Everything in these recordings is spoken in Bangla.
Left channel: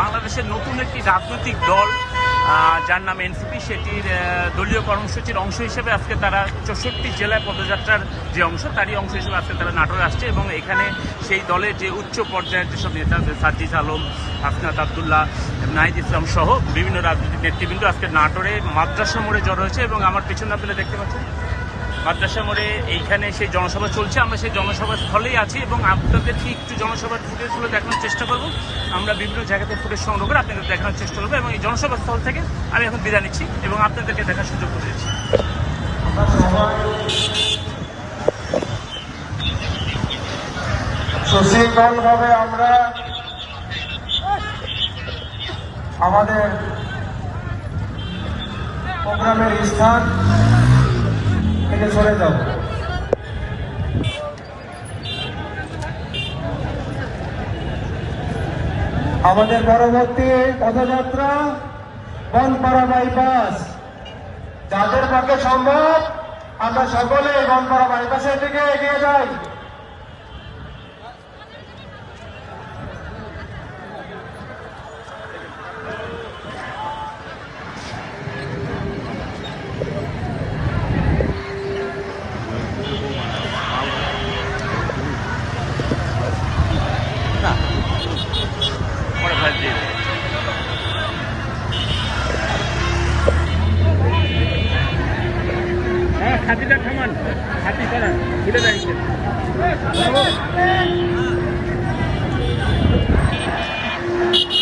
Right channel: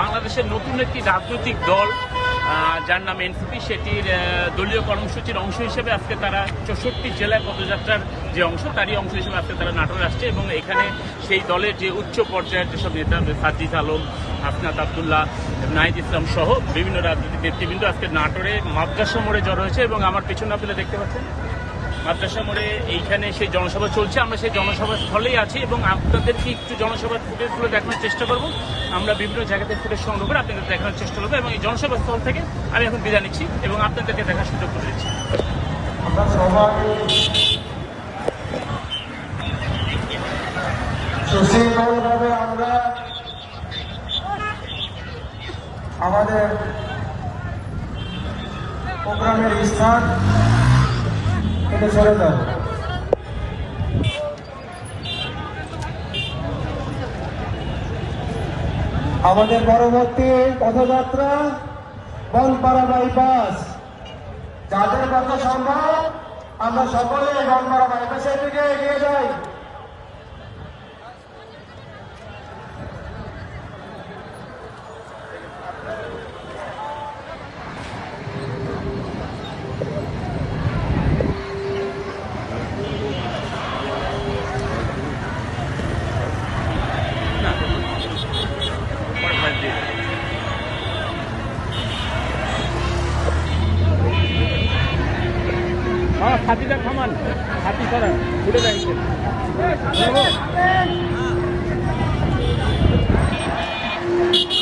বাংলাদেশের নতুন একটি রাজনৈতিক দল যার নাম এনসিপি, সেটির দলীয় কর্মসূচির অংশ হিসেবে আজকে তারা চৌষট্টি জেলায় পদযাত্রার যে অংশ, তারই অংশ হিসেবে আজকে তারা নাটোরে আসছে এবং এখানে সেই দলের যে উচ্চ পর্যায়ের যেসব নেতা সাজিদ আলম, হাসনাত আবদুল্লাহ নাহিদ ইসলাম সহ বিভিন্ন রাজনৈতিক নেতৃবৃন্দ আজকে নাটোরে মাদ্রাসা মোড়ে জড়ো হয়েছে এবং আমার পিছনে আপনারা দেখতে পাচ্ছেন মাদ্রাসা মোড়ে এইখানে সেই জনসভা চলছে। আমরা সেই জনসভা স্থলেই আছি এবং আপনাদেরকে একটু জনসভার ফুটেজগুলো দেখানোর চেষ্টা করব। আমরা বিভিন্ন জায়গাতে ফুটেজ সংগ্রহ করে আপনাদের দেখানোর চেষ্টা করব এবং এই জনসভা স্থল থেকে আমি এখন বিদায় নিচ্ছি এবং আপনাদেরকে দেখার সুযোগ করে দিচ্ছি। সুশৃঙ্খলভাবে আমরা আমাদের প্রোগ্রামের স্থান থেকে চলে দাও। আমাদের পরবর্তী পথযাত্রা বনপাড়া বাইপাস যাদের পক্ষে সম্ভব, আমরা সকলেই বনপাড়া বাইপাসের দিকে এগিয়ে যাই। Thank you.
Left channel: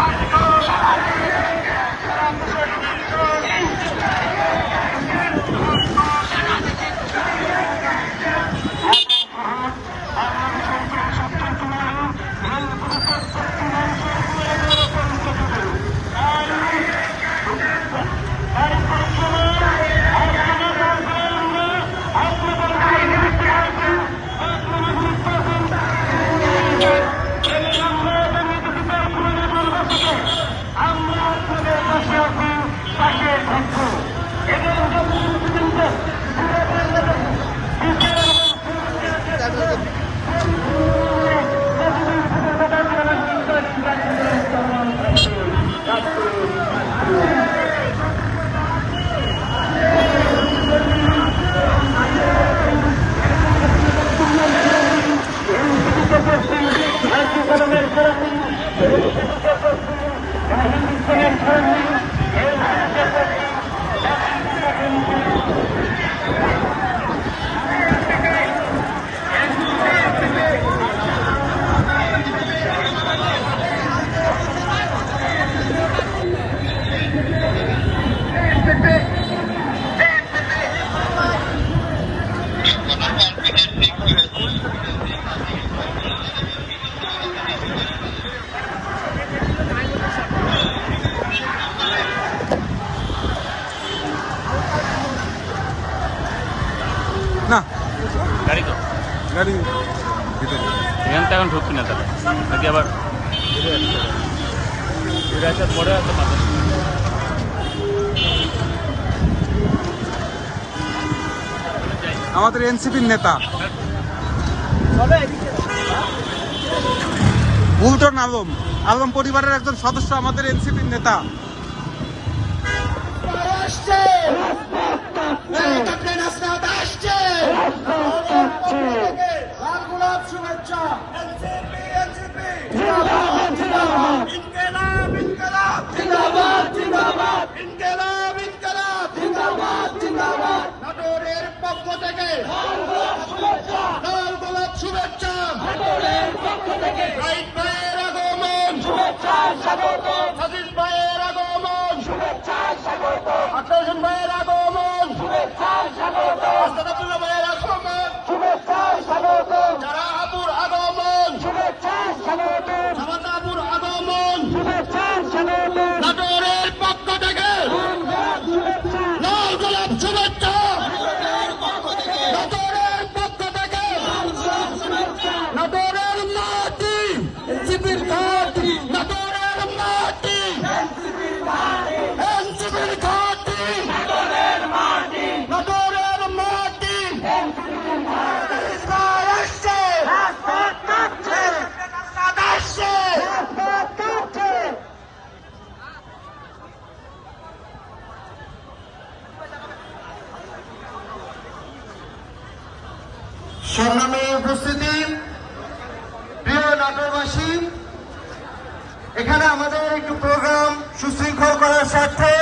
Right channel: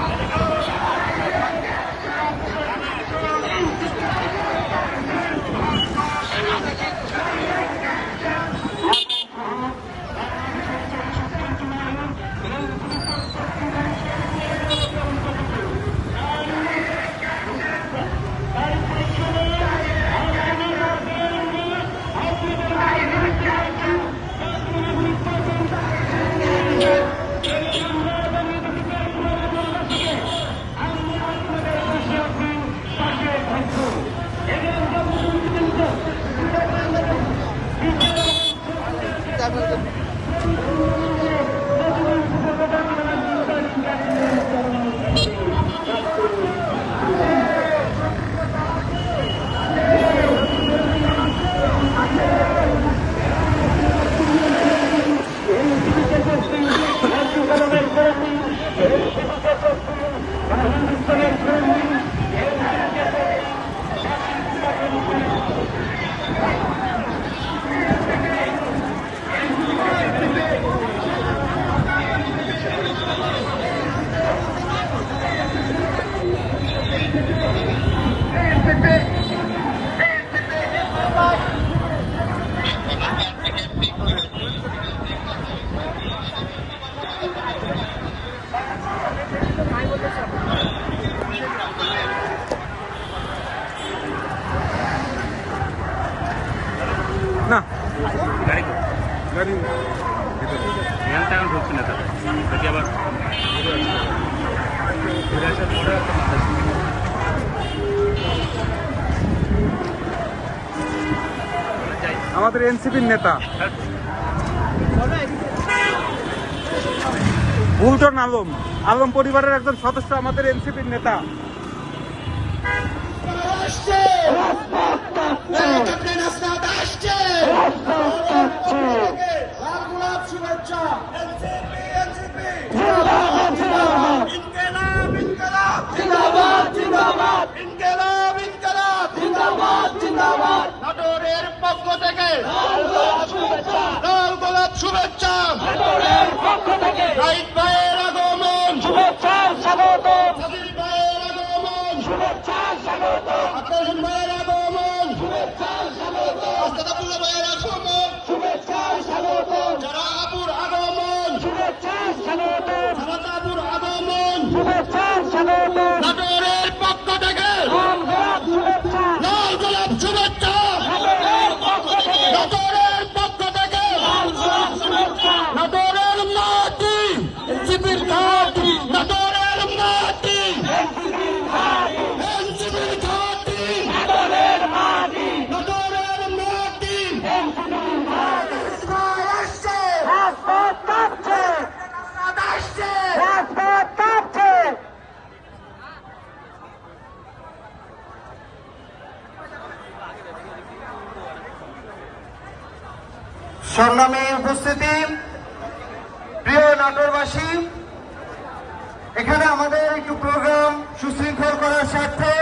Hot. Hey, আছে পরে আছে মাথা আমাদের এনসিপির নেতা। বুলটন আলম। আলম পরিবারের একজন সদস্য আমাদের এনসিপির নেতা আসছে ক্যাপ্টেন আসনাদ আসছে লাল গোলাপ শুভেচ্ছা ইনকেলাব ইনকেলাব জিন্দাবাদ জিন্দাবাদ ইনকেলাব ইনকেলাব জিন্দাবাদ জিন্দাবাদ নাটোরের পক্ষ থেকে লাল গোলাপ শুভেচ্ছা লাল গোলাপ শুভেচ্ছা নাটোরের পক্ষ থেকে রাইট ভাইয়ের আগমন শুভেচ্ছা স্বাগত সাজিদ ভাইয়ের আগমন শুভেচ্ছা স্বাগত আকাশ ভাইয়ের আগমন শুভেচ্ছা স্বাগত আস্তাদুল্লাহ ভাইয়ের শুভেচ্ছা স্বাগত শুভেচ্ছা স্বাগত শুভেচ্ছা স্বাগত পক্ষ থেকে সংগ্রামে উপস্থিতি, প্রিয় নাটোরবাসী, এখানে আমাদের একটু প্রোগ্রাম সুশৃঙ্খল করার স্বার্থে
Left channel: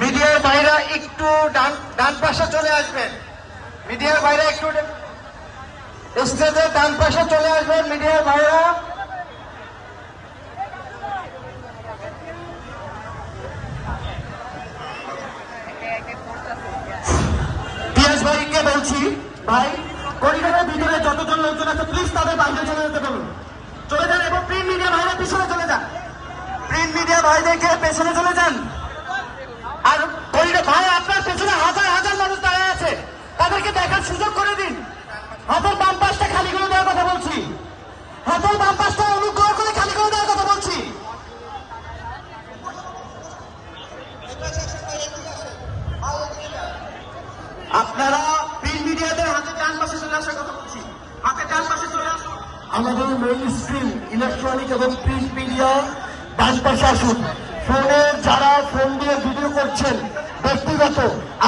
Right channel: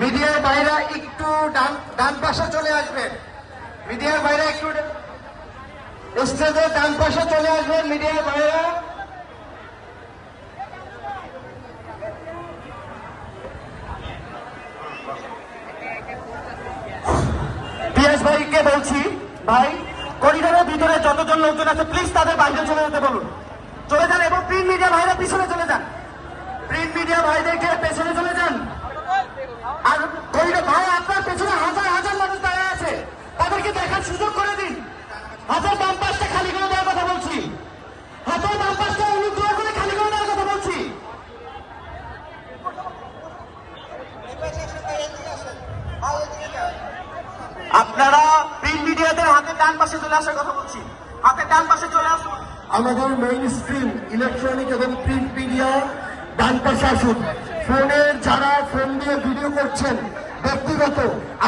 মিডিয়ার বাইরে একটু ডান ডান পাশে চলে আসবেন। মিডিয়ার বাইরে একটু স্টেজের ডান পাশে চলে আসবেন মিডিয়ার বাইরে। পিয়াস ভাইকে বলছি, ভাই। পরিবারের ভিতরে যতজন লোকজন আছে প্লিজ তাদের বাইরে চলে যেতে বলুন। চলে যান এবং প্রিন্ট মিডিয়া ভাইরা পিছনে চলে যান। প্রিন্ট মিডিয়া ভাইদেরকে পেছনে চলে যান। আর পরিবার ভাই, আপনার পেছনে হাজার হাজার মানুষ দাঁড়িয়ে আছে। তাদেরকে দেখার সুযোগ করে দিন। হাতের বাম পাশটা খালি করে দেওয়ার কথা বলছি। হাতের বাম পাশটা চলে আসার কথা বলছি। চলে আসুন আমাদের মেইন স্ট্রিম ইলেকট্রনিক এবং প্রিন্ট মিডিয়া ডান পাশে আসুন। ফোনে যারা ফোন দিয়ে ভিডিও করছেন, ব্যক্তিগত,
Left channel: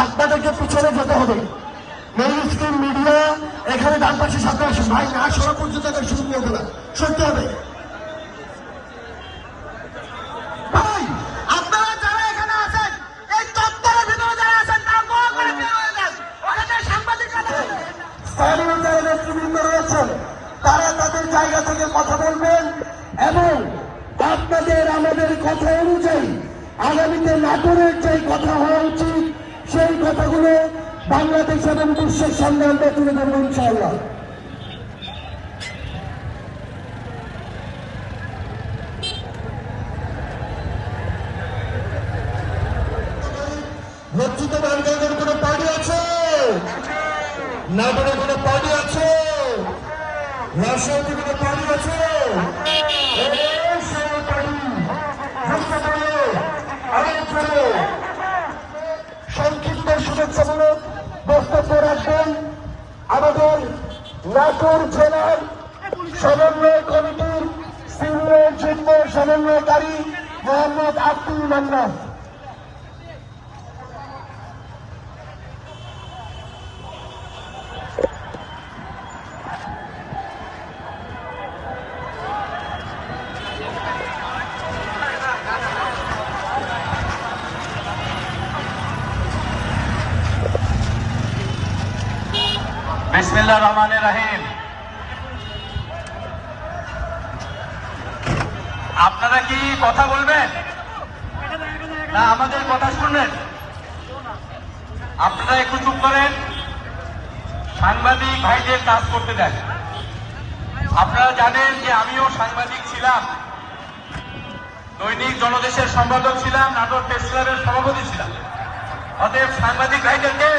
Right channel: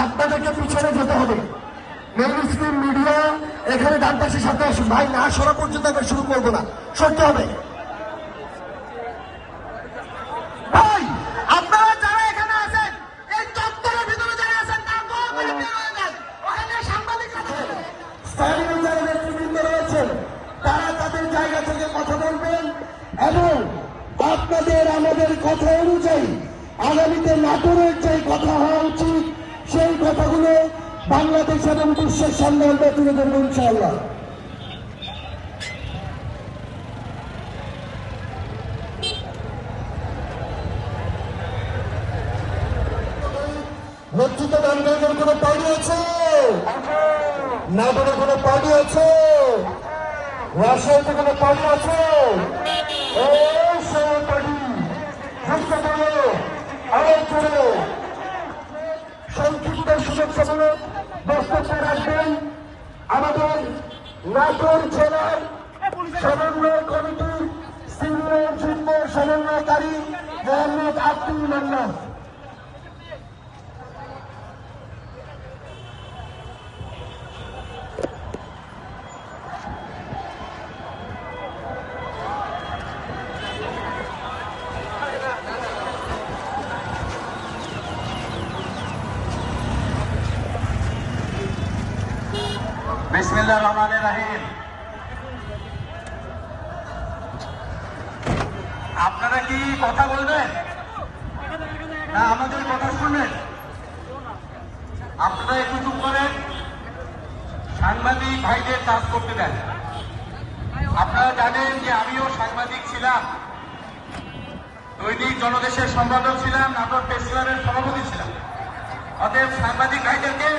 আপনাদেরকে পিছনে যেতে হবে। মেইন স্ট্রিম মিডিয়া এখানে ডান পাশে সাথে আসুন। ভাই, না সরা পর্যন্ত শুরু করব না। সরতে হবে। রয়েছেন তারা তাদের জায়গা থেকে কথা বলবেন এবং আপনাদের আমাদের কথা অনুযায়ী আগামীতে নাটোরের যে কথা হওয়া উচিত সেই কথাগুলো বাংলাদেশ এবং বিশ্বের সামনে আমরা তুলে ধরবো ইনশাআল্লাহ। নেতৃত্ব আন্দোলনের কোনো পার্টি আছে? না কোনো কোনো পার্টি আছে? রাশিয়াতে কোনো পার্টি আছে? এই সেই পার্টি। বুঝতে পারল আরে চলো সংক্ষিপ্ত শুভেচ্ছা বলে বক্তব্য রাখবেন আমাদের নাটোর জেলার সমন্বয় কমিটির সিনিয়র যুগ্ম সমন্বয়কারী মোহাম্মদ আব্দুল মান্নান। বিসমিল্লাহ রহমান রাহিম। আপনারা কি কথা বলবেন? না, আমাদের কথা শুনবেন। আপনারা একটু চুপ করেন। সাংবাদিক ভাইকে কাজ করতে দেন। আপনারা জানেন যে আমিও সাংবাদিক ছিলাম। দৈনিক জনদেশের সম্পাদক ছিলাম নাটক প্রেস সভাপতি ছিলাম। অতএব সাংবাদিক ভাইদেরকে